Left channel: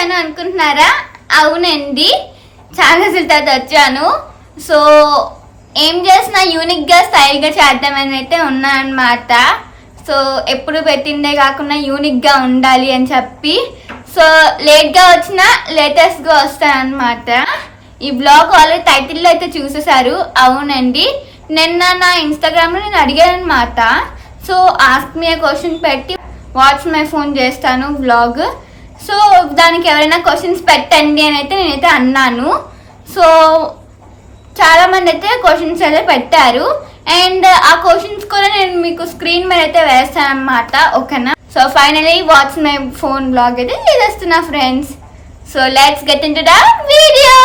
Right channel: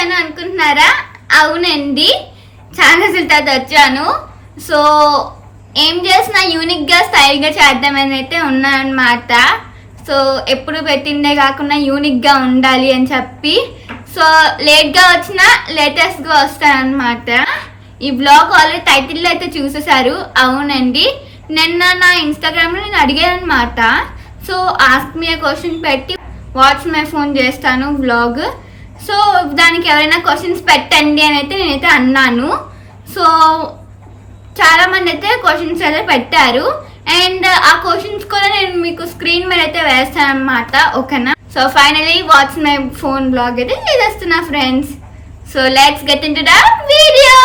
వచ్చాను అనుకుంటున్నారా? అవునండి, చాలా రోజుల తర్వాత వచ్చాను. సో ఏం చేసినా యూనిక్గా స్టైల్గా చేద్దామని అయితే ఉన్నానమాట. సో ఎప్పుడు పెట్టిందే కాకుండా యూనిక్గా ఉండాలి అని చెప్పి సో లేట్గా వచ్చినా లేటెస్ట్గా వస్తానమాట. ఈ బ్లాగ్ ఆల్రెడీ టైటిల్లో అయితే చూసేశారు. అవునండి, నిన్న నా ఇన్స్టాగ్రామ్లో నేను అడిగాను అనమాట. సో ఆస్క్ మీ క్వశ్చన్ పెట్టి వాట్స్ మై ఫోన్ చేస్తాను బ్లాగ్. సో దానికి ఎవరైనా క్వశ్చన్స్ పెట్టండి అని అయితే నేనైతే అన్నాను. సో చాలా మంది అయితే క్వశ్చన్స్ అయితే పెట్టారు. అండ్ ఆ క్వశ్చన్స్ కూడా నేను మీకు స్క్రీన్ మీద అయితే వేస్తాను అనమాట. ఓకేనా? So finally what's my phone blog అయితే చేస్తున్నా friends. So let's get into the video.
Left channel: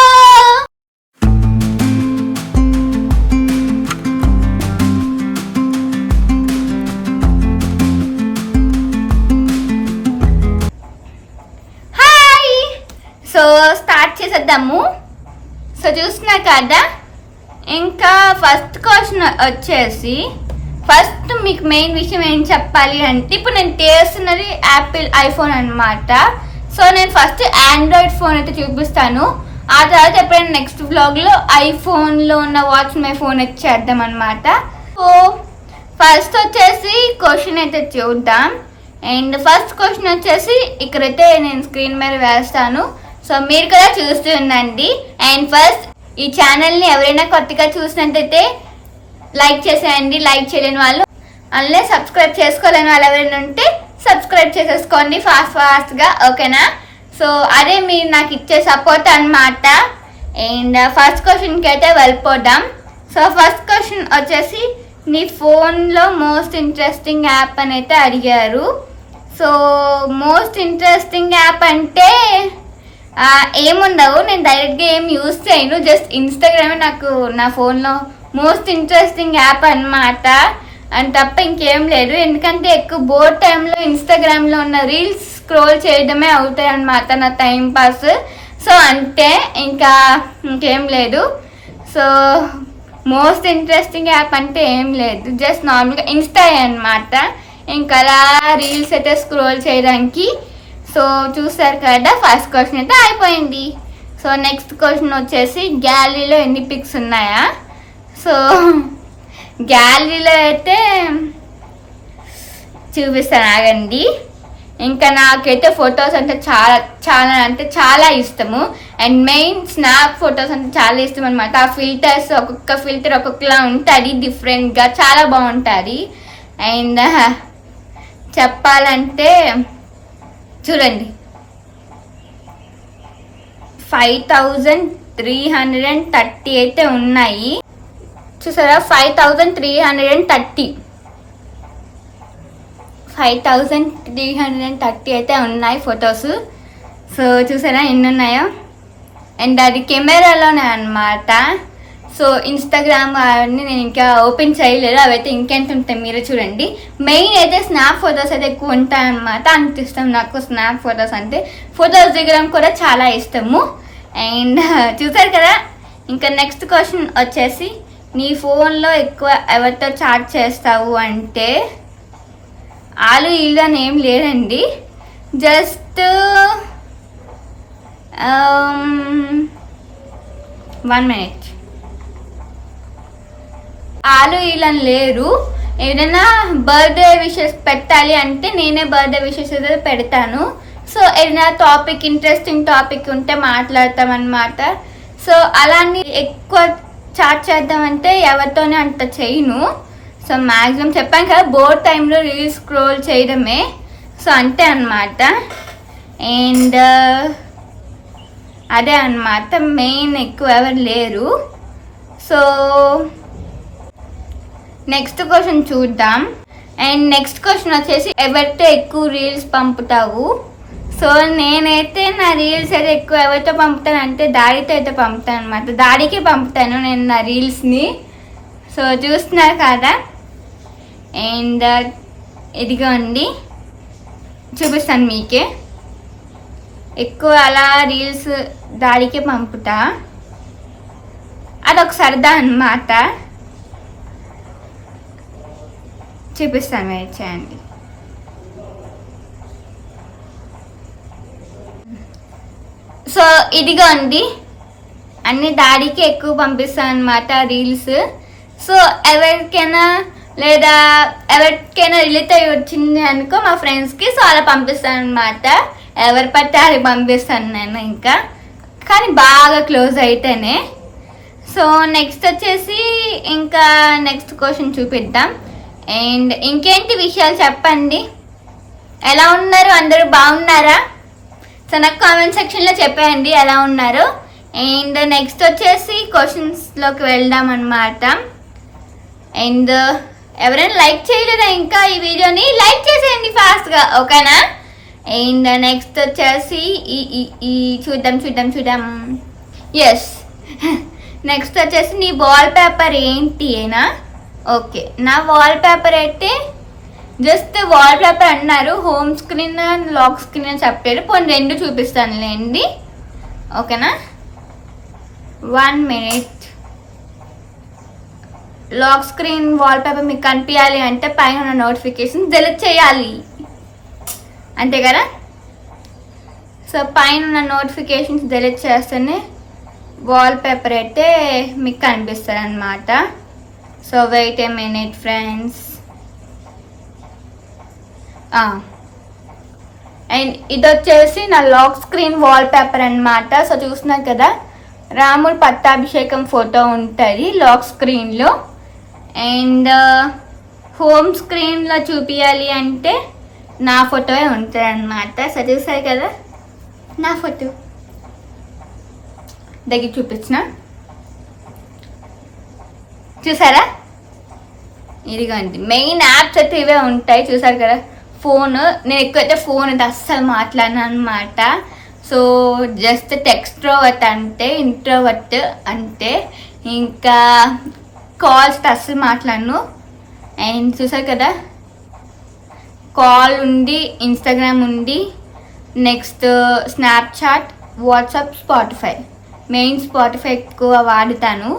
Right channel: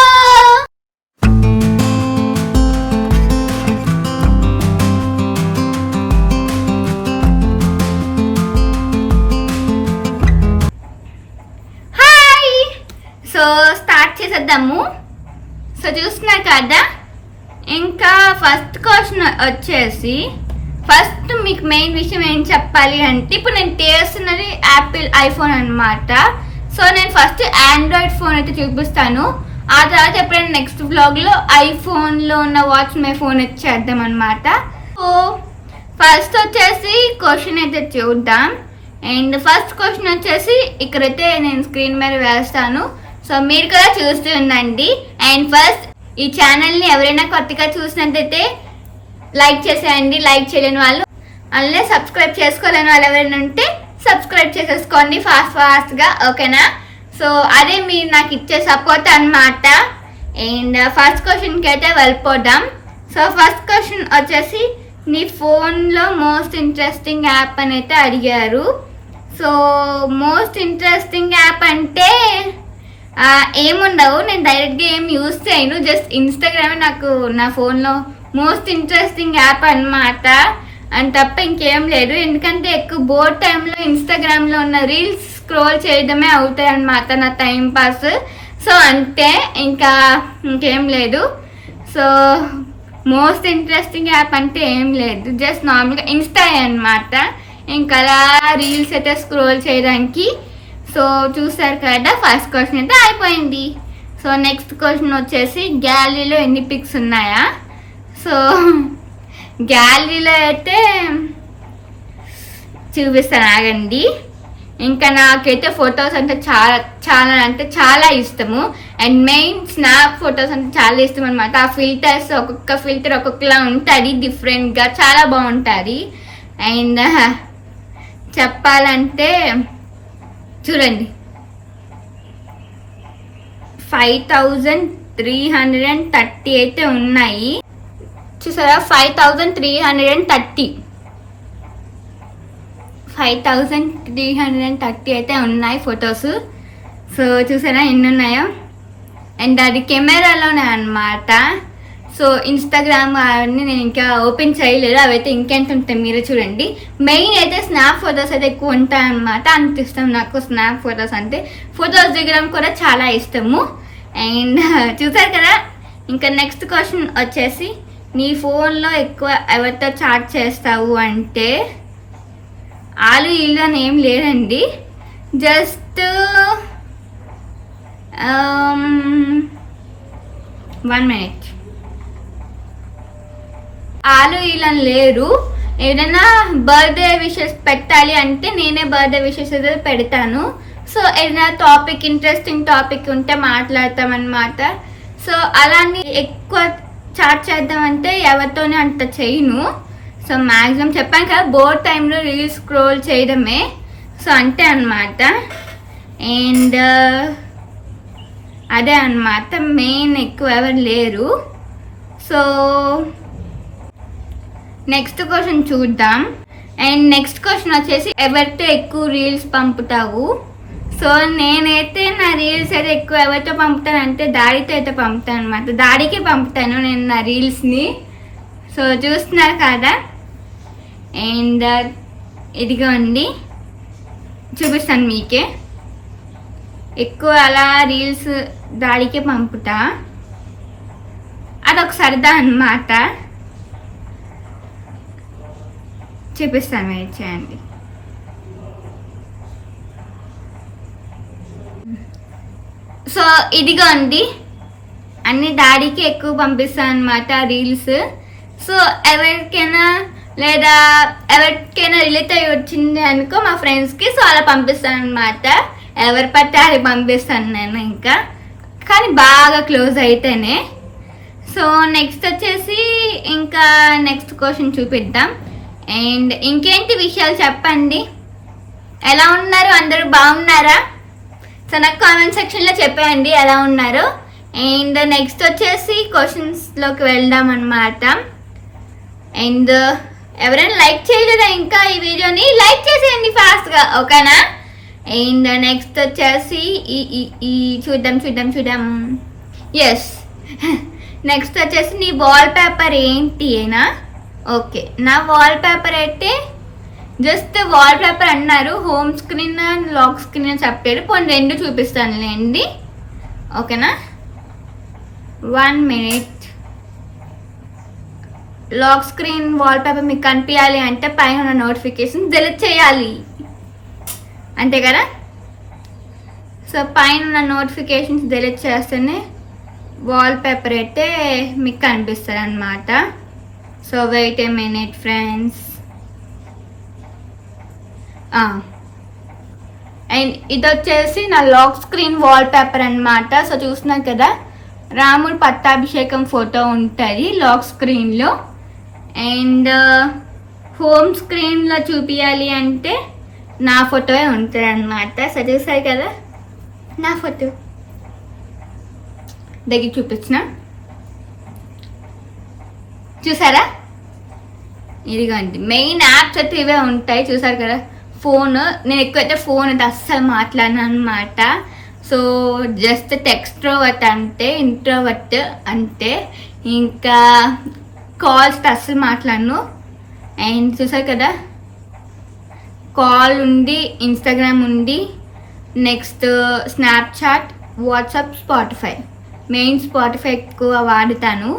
So start చేసేద్దాము. సో చూస్తున్నారు కదా, ఇంకా ఫస్ట్ క్వశ్చన్ వచ్చేసి ఫస్ట్ మీకు మెయిన్ విషయం ఏం చెప్పాలి అంటే, ఇప్పుడు నేను చేస్తున్నది యాపిల్ ఐఫోన్ అనమాట. సో నేను ఫస్ట్ ఆండ్రాయిడ్ ఫోన్ అయితే చూపిస్తాను. ఆ తర్వాత ఎప్పుడైనా నెక్స్ట్ వ్లాగ్లో ఐఫోన్లో ఉన్న వాట్స్ మై ఫోన్ అయితే చేద్దాం అనమాట. సో ఫస్ట్ వచ్చేసి క్వశ్చన్ అయితే చూద్దాం. అండ్ ఫస్ట్ క్వశ్చన్ వచ్చేసి ఇక్కడైతే నేను స్క్రీన్ మీద వేస్తాను. సో మీరు కూడా చూస్తూ ఉండండి. అండ్ ఫస్ట్ ఈ ఛానల్ని ఎవరైనా కొత్తగా చూసినట్టయితే లైక్ చేసేయండి. లైక్ చేయలేని వాళ్ళు అలానే సబ్స్క్రైబ్ చేసుకోలేని వాళ్ళు ఎవరైనా ఉంటే సబ్స్క్రైబ్ చేసేసుకోండి ఫాస్ట్గా. ఓకేనా? సో అదే మీరు నాకు ఇచ్చే సపోర్ట్ అనమాట. అండ్ ఫస్ట్ క్వశ్చన్కి అయితే వెళ్ళిపోదాం. సో ఫస్ట్ క్వశ్చన్ వచ్చేసి నీ ఫోన్లో మోస్ట్ ఇంట్రెస్టింగ్ యాప్ అని అయితే అడిగారు. సో మోస్ట్ ఇంట్రెస్టింగ్ యాప్ అంటే ఏముండవు, నేను డైరెక్ట్గా ఏం యూజ్ చేయను. జస్ట్ ఇన్స్టాగ్రామే నాకు నా ఫోన్లో మోస్ట్ ఇంట్రెస్టింగ్ యాప్ అనమాట. అని తప్ప ఇంకేం లేదు. ఎందుకంటే ఎక్కువ బోర్ టైంలో ఇన్స్టాగ్రామ్లో ఉన్న రీల్స్ స్క్రోల్ చేయడమే అవుతాయి అనమాట నా టైం పాస్. సో అంటే ఇంకా ఇంకేం లేదు. సో మోస్ట్ ఇంట్రెస్టింగ్ యాప్ అంటే ఏం లేదు, జస్ట్ నార్మల్గా ఇన్స్టా అనమాట. ఇంకా అలా రీల్స్ అయితే స్క్రోల్ చేయడానికి. సో చూసారు కదా, ఫస్ట్ క్వశ్చన్ అయితే అయిపోయింది. సో నెక్స్ట్ క్వశ్చన్ వచ్చేసి గ్యాలరీలో ఎన్ని పిక్స్ ఉన్నాయా? సో గ్యాలరీలో అయితే చూపిస్తాను ఆగండి. ఇంకా నాకైతే ఫొటోస్ అంటే చాలా ఇష్టము. అండ్ మెయిన్ స్నాప్ ఫొటోస్ అంటే చాలా ఇష్టం అనమాట. ఆ ఫిల్టర్స్ ఒక్కొక్క ఫిల్టర్ ఒక్కొక్కలా ఉంటుంది, డిఫరెంట్గా చాలా బాగుంటుంది. అండ్ చెప్పాలంటే చూడండి 5330 అయితే ఉన్నాయి. చూసారా, 5330 అయితే ఉన్నాయి ఫొటోస్. సో చూసారా ఎన్ని ఉన్నాయో. అండ్ అది కెమెరాలోనే అనమాట. సో ఇన్స్టాగ్రామ్ అవన్నీ నేను ఇంకా ఓపెన్ చేయలేదు, అవైతే ఇంకెంత ఉంటాయి మీరు చూడండి. మెయిన్ అయితే స్నాప్ ఫొటోస్ అయితే ఎక్కువ ఉంటాయి అనమాట. అంత ఇష్టం నాకు స్నాప్ ఫొటోస్ అంటే. ఫొటోస్ దిగడం కూడా చాలా ఇష్టము. అండ్ చూసారు కదా. ఇంకా నెక్స్ట్ క్వశ్చన్ వచ్చేసి నీ ఫోన్లో ఎక్కువ ఎవరితో చాట్ చేస్తావు అంటే, ఆలు ఇల్లు అని ఏం లేదండి. Just 1 minute. ఆలు ఇళ్ళని లేరు. ఏదైనా బర్త్డే విషెస్ పెట్టాలి అంటే నేనే బర్త్డే విషెస్ అయితే పెడతాను. సో ఏదైనా టాపిక్, ఇంట్రెస్టింగ్ టాపిక్ ఉంటే మాట్లాడతాం అనమాట. సో అలానే ఎక్కువ చాట్ చేద్దామంటే ఎవరితోనే అంత చేయను. సో మ్యాక్సిమం చెప్పాను కదా, బోర్ టైంలో రీల్స్ స్క్రోల్ చేయడమే. సో అంతే అనమాట. అండ్ అదే అనమాట, మెయిన్ ఎక్కువ ఎవరు లేరు. సో నెక్స్ట్ క్వశ్చన్ చూద్దాం. అండ్ నెక్స్ట్ క్వశ్చన్ వచ్చేసి ఎవరితో ఎక్కువ రీల్స్ పంపుతావు? సో నేనైతే నా రీల్స్ అయితే ఎక్కువ ఎవరితో పంపుతాను అంటే డాడీతో అయితే పంపుతాను అనమాట. డాడీకి పంపుతాను నేను నా రీల్స్ని. సో చూస్తున్నారు కదా. అండ్ ఇదిగోండి చూపిస్తాను మీకే. ఎక్కువ అలా రీల్స్ డాడీకే పంపుతా, అదొక సరదా అన్నమాట. చూపిస్తాను, వెయిట్ చేయండి. సో ఇదిగోండి అన్ని డాడీకి ఎక్కువ పంపిస్తాను అనమాట రీల్స్. సో ఎవరికైనా రిలేట్ అయ్యి వచ్చింది అనుకో మా ఫ్రెండ్స్కి, సో అలా పంపిస్తాను అనమాట. ఎవరు పడితే అది పంపిస్తాను నేను, ఇంకా కానీ బాగా క్లోజ్ అయితేనే. సో నెక్స్ట్ వచ్చేసి ఇంకా నెక్స్ట్ క్వశ్చన్ చూపిద్దాం. అండ్ ఇంకేంటి విషయాలు చెప్పండి, ఎలా ఉన్నారు అందరూ, బాగున్నారా? సో నాకు కామెంట్ సెక్షన్లో చెప్పేయండి ఎలా ఉన్నారు. అండ్ నెక్స్ట్ వచ్చేసి క్వశ్చన్స్లోకి వెళ్దాం అనమాట. అండ్ ఎవరైనా లైక్ చేయలేదా ఇంకా ఈ వీడియోని, లైక్ చేసేయండి ఫాస్ట్గా, ఓకేనా? అండ్ నెక్స్ట్ వచ్చేసి ఈ చూద్దాం. ఎస్, నెక్స్ట్ వచ్చేసి నీ వాల్ పేపర్ ఏంటి ఏనా? ఓకే, నా వాల్ పేపర్ అయితే జస్ట్ వాల్ పేపర్ అన్నారు, home screen and lock screen అని చెప్పారు. పోనీ రెండు చూపిస్తానులేండి, ఓకేనా? 1 minute. Lock screen wallpaper మీకు కనిపించాలి అంటే పైన ఉన్న నోటిఫికేషన్ డిలీట్ చేయాలి, అంతే కదా? సో పైన ఉన్న నోటిఫికేషన్స్ డిలీట్ చేస్తేనే వాల్ పేపర్ అయితే మీకు కనిపిస్తుంది అనమాట. So wait a minute friends. And ఇది వచ్చేసి నా లాక్ స్క్రీన్ వాల్ పేపర్ అనమాట. సో చూస్తున్నారు కదా, రాముడు పట్టాభిషేకం ఫోటో ఉంటుంది లాక్ స్క్రీన్లో. అండ్ హోమ్ స్క్రీన్లో చూపించాలి అంటే నా ఫోటోయే ఉంటుంది అనమాట. సో చూసారు కదా నా ఫోటో, దగ్గర చూపించిన, చూసారా? ఇదిగోండి మెయిన్ యాప్స్ అయితే ఇవే ఉంటాయి, చూసారు కదా. ఫోన్, నేను ఎక్కువైతే ఫోన్ అయితే అస్సలు మాట్లాడినా అనమాట. సో జస్ట్ ఎక్స్ట్రోవర్ట్ అంటే, ఇంట్రోవర్ట్ అంటే, ఇంకా కాల్స్ అస్సలు మాట్లాడను. అండ్ చూసారు కదా, కాల్ ఉంది, ఇన్స్టాగ్రామ్ ఉంది, next Snapchat, WhatsApp, Spotify. Main Spotify ఎక్కువ వాడుతాను.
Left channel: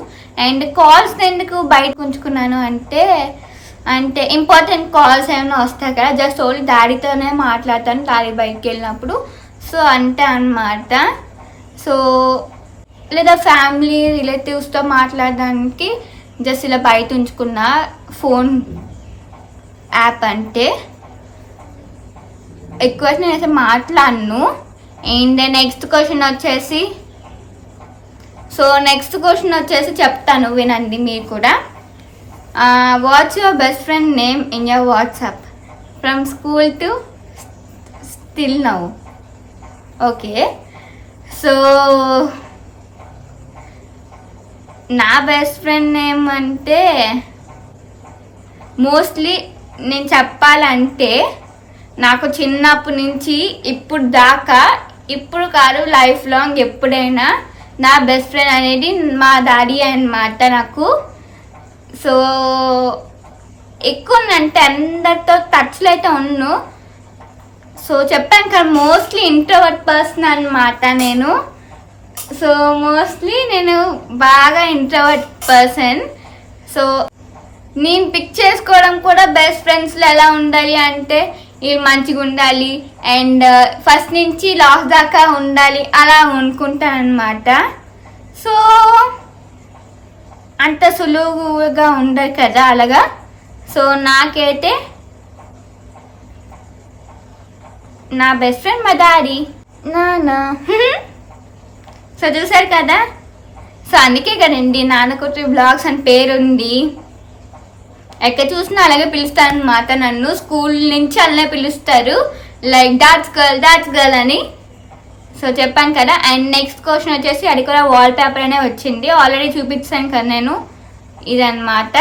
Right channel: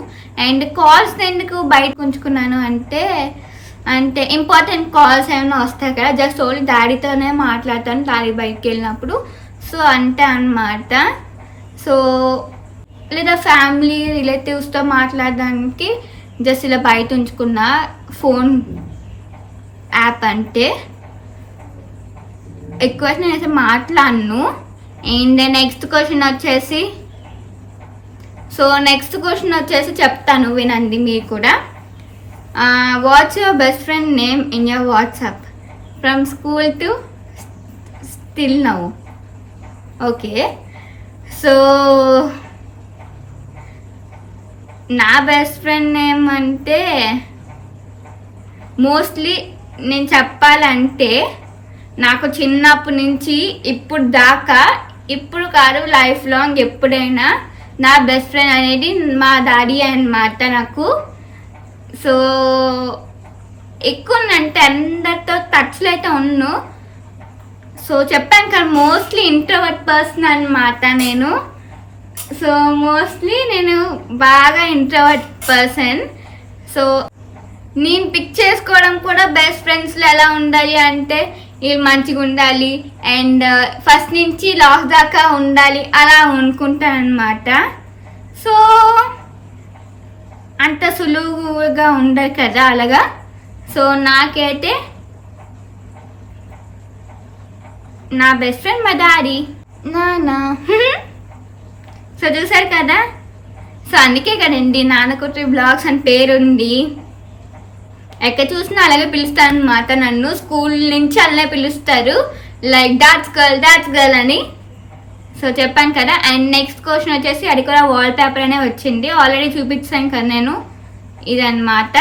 అండ్ కాల్స్ ఎందుకు బయటకు ఉంచుకున్నాను అంటే ఇంపార్టెంట్ కాల్స్ ఏమైనా వస్తాయి కదా, జస్ట్ ఓన్లీ డాడీతోనే మాట్లాడతాను డాడీ బయటకు వెళ్ళినప్పుడు. సో అంతే అన్నమాట. సో లేదా ఫ్యామిలీ రిలేటివ్స్తో మాట్లాడడానికి జస్ట్ ఇలా బయట ఉంచుకున్న ఫోన్ యాప్, అంటే ఎక్కువ నేనైతే మాట్లాడను. అండ్ నెక్స్ట్ క్వశ్చన్ వచ్చేసి చెప్తాను, వినండి మీరు కూడా. What's your best friend name in your WhatsApp from school to still now? Okay, so నా బెస్ట్ ఫ్రెండ్ నేమ్ అంటే మోస్ట్లీ నేను చెప్పాలంటే నాకు చిన్నప్పటి నుంచి ఇప్పుడు దాకా, ఇప్పుడు కాదు లైఫ్ లాంగ్ ఎప్పుడైనా నా బెస్ట్ ఫ్రెండ్ అనేది మా డాడీ అన్నమాట నాకు. సో ఎక్కువ అంటే అందరితో టచ్లో అయితే ఉన్నాను. సో చెప్పాను కదా, మోస్ట్లీ ఇంట్రోవర్ట్ పర్సన్ అనమాట నేను. సో మోస్ట్లీ నేను బాగా ఇంట్రోవర్ట్ పర్సన్. సో నేను పిక్ చేసుకోవడం కూడా బెస్ట్ ఫ్రెండ్స్లో ఎలా ఉండాలి అంటే వీళ్ళు మంచిగా ఉండాలి అండ్ ఫస్ట్ నుంచి లాస్ట్ దాకా ఉండాలి అలా అనుకుంటాను అనమాట. సో అంత సులువుగా ఉండదు కదా అలాగా. సో నాకైతే నా బెస్ట్ ఫ్రెండ్ మా డాడీ, నాన్న. సో చూసారు కదా, సో అందుకే కదండి నాన్నకుట్రి బ్లాగ్స్ అని పేరుంది. ఎక్కడ చూసినా అలాగే పిలుస్తాను అనమాట నన్ను. స్కూల్ నుంచి అలానే పిలుస్తారు, లైక్ దాట్స్ గర్ల్ అని. సో చెప్పాను కదా. అండ్ నెక్స్ట్ క్వశ్చన్ వచ్చేసి అది కూడా వాల్ పేపర్ అనే వచ్చింది, ఆల్రెడీ చూపించాను కదా నేను. ఇదన్నమాట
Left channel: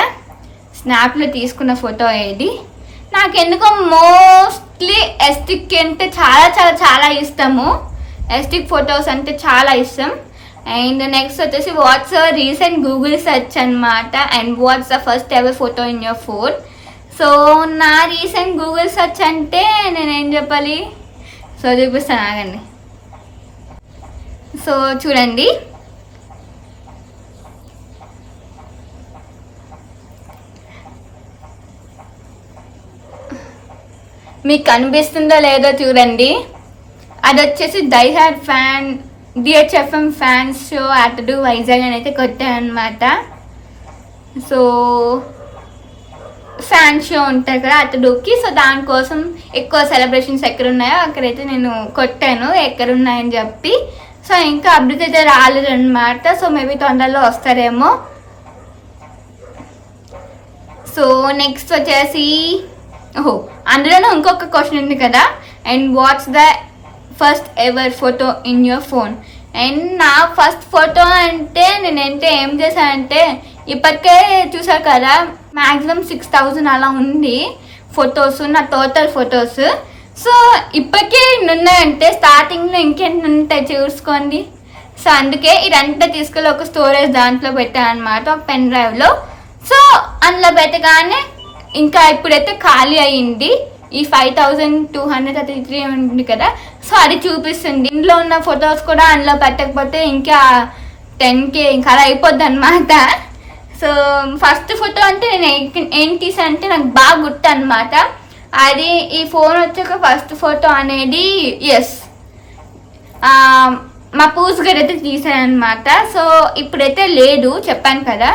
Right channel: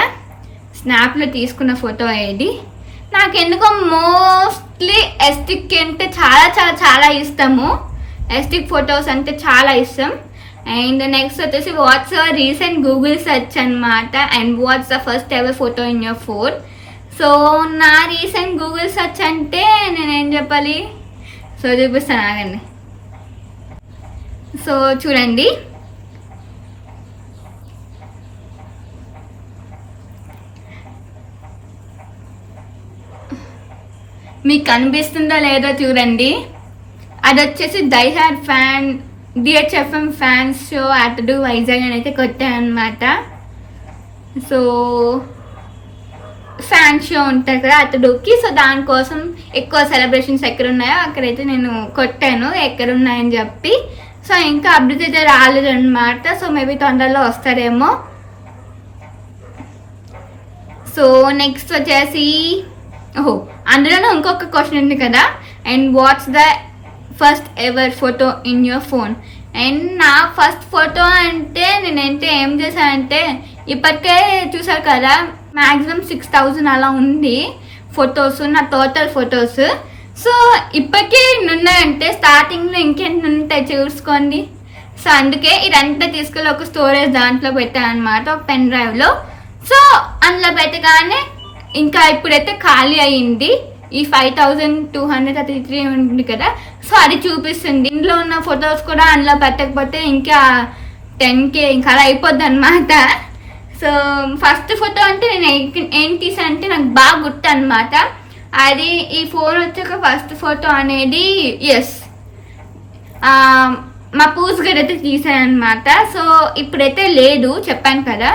స్నాప్లో తీసుకున్న ఫోటో. ఏది నాకు ఎందుకో మోస్ట్లీ ఎస్టిక్ అంటే చాలా చాలా చాలా ఇష్టము. ఎస్టిక్ ఫొటోస్ అంటే చాలా ఇష్టం. అండ్ నెక్స్ట్ వచ్చేసి what's your recent Google search అనమాట. And what's the first ever photo in your phone. So నా రీసెంట్ గూగుల్ సెర్చ్ అంటే నేనేం చెప్పాలి, సో చూపిస్తాను ఆగండి. సో చూడండి, మీకు కనిపిస్తుందో లేదో చూడండి. అది వచ్చేసి die hard fan DHFM fans show Athadu Vizag అని అయితే కొట్టాను అనమాట. సో ఫ్యాన్ షో ఉంటుంది కదా అతడుకి, సో దానికోసం ఎక్కువ సెలబ్రేషన్స్ ఎక్కడ ఉన్నాయో అక్కడైతే నేను కొట్టాను ఎక్కడ ఉన్నాయని చెప్పి. సో ఇంకా అప్డేట్ అయితే రాలేదు అనమాట. సో మేబీ తొందరలో వస్తారేమో. సో నెక్స్ట్ వచ్చేసి అందులోనే ఇంకొక క్వశ్చన్ ఉంది కదా, and what's the first ever photo in your phone. And నా ఫస్ట్ ఫోటో అంటే నేనంటే ఏం చేశానంటే, ఇప్పటికే చూసా కదా మ్యాక్సిమం 6000 అలా ఉంది ఫొటోస్, నా టోటల్ ఫొటోస్. సో ఇప్పటికే ఉన్నాయంటే స్టార్టింగ్లో ఇంకేంటి ఉంటాయి చూసుకోండి. సో అందుకే ఇదంతా తీసుకెళ్ళి ఒక స్టోరేజ్ దాంట్లో పెట్టాను అనమాట, ఒక పెన్ డ్రైవ్లో. సో అందులో పెట్టగానే ఇంకా ఇప్పుడైతే ఖాళీ అయ్యింది. ఈ 5233 ఉంది కదా, సో అది చూపిస్తుంది. ఇంట్లో ఉన్న ఫొటోస్ కూడా అందులో పెట్టకపోతే ఇంకా 10K ఇంకా అలా అయిపోద్ది అనమాట. సో ఫస్ట్ ఫోటో అంటే నేను ఏం తీసానంటే నాకు బాగా గుర్తు అనమాట. అది ఈ ఫోన్ వచ్చాక ఫస్ట్ ఫోటో అనేది మా పూస్ గడ్ అయితే తీసాను అనమాట. సో ఇప్పుడైతే లేదు, చెప్పాను కదా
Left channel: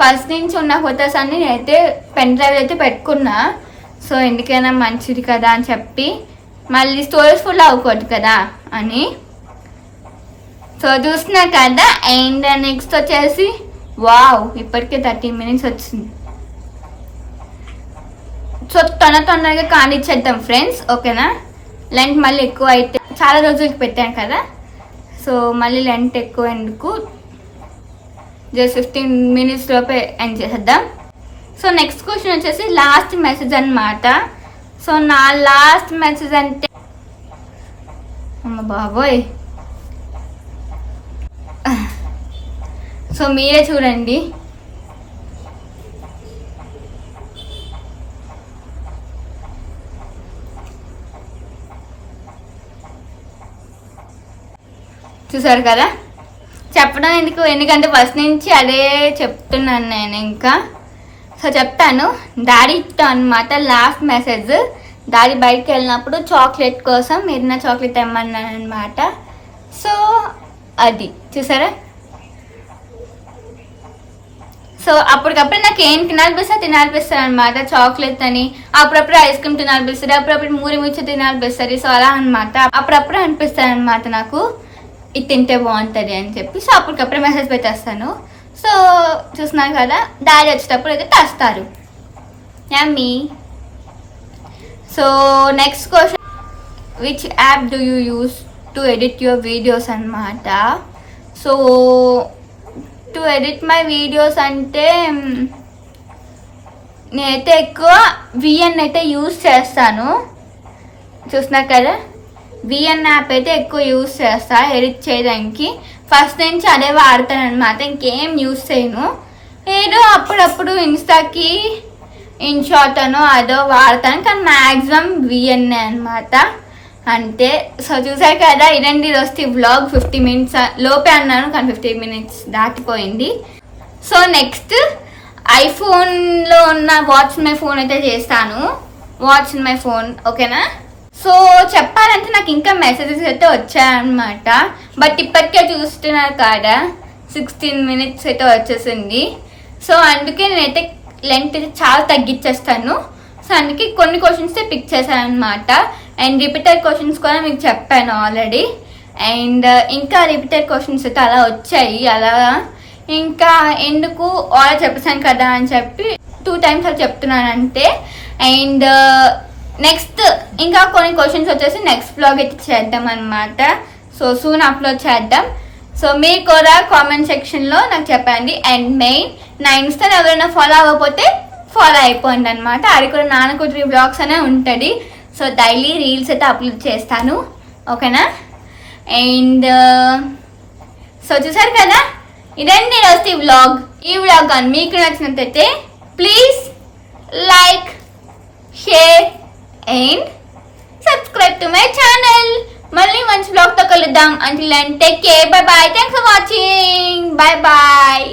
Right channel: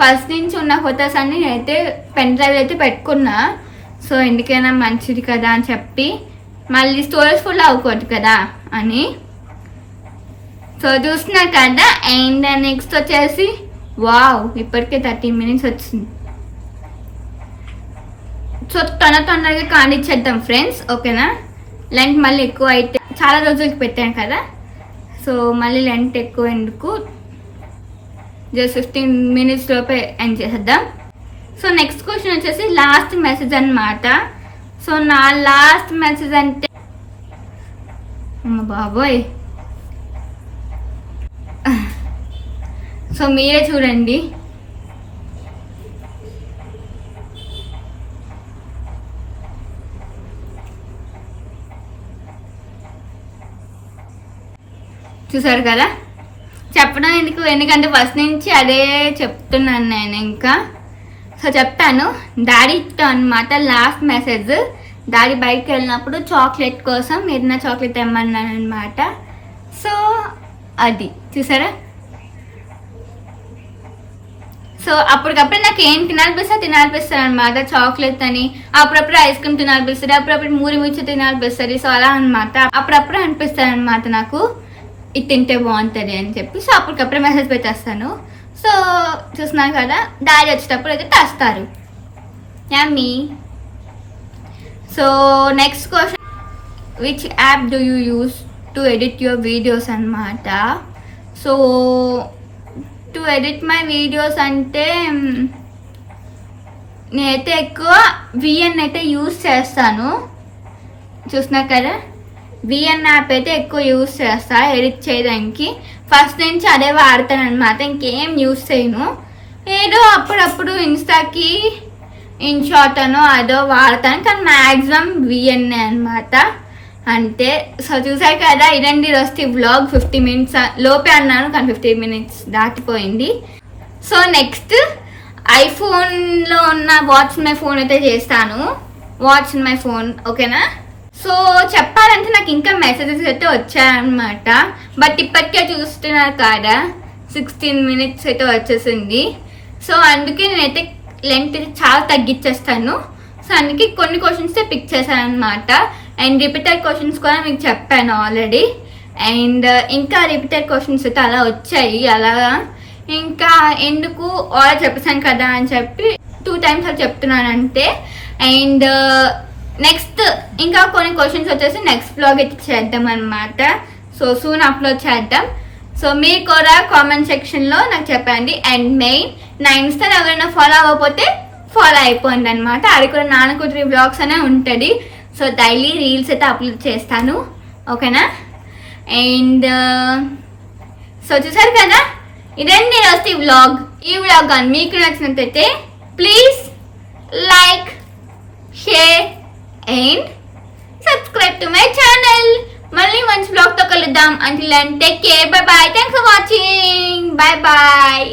ఫస్ట్ నుంచి ఉన్న ఫొటోస్ అన్ని నేనైతే పెన్ డ్రైవ్ అయితే పెట్టుకున్నా. సో ఎందుకైనా మంచిది కదా అని చెప్పి, మళ్ళీ స్టోరేజ్ ఫుల్ అవ్వకూడదు కదా అని. సో చూస్తున్నా కదా. అండ్ నెక్స్ట్ వచ్చేసి వావ్, ఇప్పటికే 30 minutes వచ్చింది. సో తొందరగా కానిచ్చేద్దాం ఫ్రెండ్స్, ఓకేనా. లెంత్ మళ్ళీ ఎక్కువ అయితే చాలా రోజులకి పెట్టాను కదా, సో మళ్ళీ లెంత్ ఎక్కువ ఎందుకు, జస్ట్ 15 minutes లోపే ఎండ్ చేసేద్దాం. సో నెక్స్ట్ క్వశ్చన్ వచ్చేసి లాస్ట్ మెసేజ్ అనమాట. సో నా లాస్ట్ మెసేజ్ అంటే అమ్మ బాబోయ్, సో మీరే చూడండి. చూసారు కదా, చెప్పడం ఎందుకు, ఎందుకంటే ఫస్ట్ నుంచి అదే చెప్తున్నాను నేను. ఇంకా సో చెప్తాను. డాడీతో అనమాట లాస్ట్ మెసేజ్. డాడీ బయటకు వెళ్ళినప్పుడు చాక్లెట్ కోసం ఏదైనా చాక్లెట్ తెమ్మన్నాను అనమాట. సో అది చూసారా. సో అప్పటికప్పుడు నాకు ఏం తినాలనిపిస్తుంది అనమాట, చాక్లెట్ అని. అప్పుడప్పుడు ఐస్ క్రీమ్ తినాలనిపిస్తుంది, అప్పుడప్పుడు మూరి ముచ్చి తినాలనిపిస్తుంది. సో అలా అనమాట, అప్పుడప్పుడు అనిపిస్తుంది అనమాట నాకు ఇది తింటే బాగుంటుంది అని చెప్పి. సో అప్పటికప్పుడు మెసేజ్ పెట్టేస్తాను. సో చూస్తున్నారు కదా, డాడీ వచ్చేటప్పుడు అయితే తెస్తారు. Yummy. So next question, which app do you use to edit your videos అనమాట. So to edit my videos అంటే నేనైతే ఎక్కువ విఎన్ అయితే యూస్ చేస్తాను. చూస్తున్నారు కదా, విఎన్ యాప్ అయితే ఎక్కువ యూస్ చేస్తా ఎడిట్ చేయడానికి. ఫస్ట్ నుంచి అదే వాడతాను అనమాట, ఇంకేం యూస్ చేయను. ఏదో అప్పుడప్పుడు ఇన్స్టాకి ఇన్షాట్ అనో అదో వాడతాను, కానీ మ్యాక్సిమం విఎన్ఏ అనమాట అంతే. సో చూసారు కదా, ఇదండి రోజు వ్లాగ్. 50 minutes లోపే అన్నాను, కానీ 50 minutes దాటిపోయింది. సో నెక్స్ట్ ఐఫోన్లో ఉన్న వాట్స్ మై ఫోన్ అయితే చేస్తాను. వాట్స్ మై ఫోన్, ఓకేనా. సో చెప్పాలంటే నాకు ఇంకా మెసేజెస్ అయితే వచ్చాయన్నమాట, బట్ ఇప్పటికే చూస్తున్నారు కాదా 16 minutes అయితే వచ్చేసింది. సో అందుకే నేనైతే లెంత్ చాలా తగ్గించేస్తాను. సో అందుకే కొన్ని క్వశ్చన్స్ పిక్ చేశాను అనమాట. అండ్ రిపీటెడ్ క్వశ్చన్స్ కూడా మీకు చెప్పాను ఆల్రెడీ. అండ్ ఇంకా రిపీటెడ్ క్వశ్చన్స్ అయితే అలా వచ్చాయి. అలా ఇంకా ఎందుకు ఆల్రెడీ చెప్పేసాను కదా అని చెప్పి 2 times అలా చెప్తున్నాను అంతే. అండ్ నెక్స్ట్ ఇంకా కొన్ని క్వశ్చన్స్ వచ్చేసి నెక్స్ట్ బ్లాగ్ అయితే చేద్దాం అనమాట. సో సూన్ అప్లోడ్ చేద్దాం. సో మీరు కూడా కామెంట్ సెక్షన్లో నాకు చెప్పండి. అండ్ మెయిన్ నా ఇన్స్టా ఎవరైనా ఫాలో అవ్వకపోతే ఫాలో అయిపోయింది అనమాట. అది కూడా నాన్నకుట్రి బ్లాగ్స్ అనే ఉంటుంది. సో డైలీ రీల్స్ అయితే అప్లోడ్ చేస్తాను, ఓకేనా. అండ్ సో చూసారు కదా, ఇదండి రోజు వ్లాగ్. ఈ వ్లాగ్ కానీ మీకు నచ్చినట్లయితే please like, share and subscribe to my channel. మళ్ళీ మంచి బ్లాగ్తో కలుద్దాం. Until then take care, bye bye. Thanks for watching. Bye bye.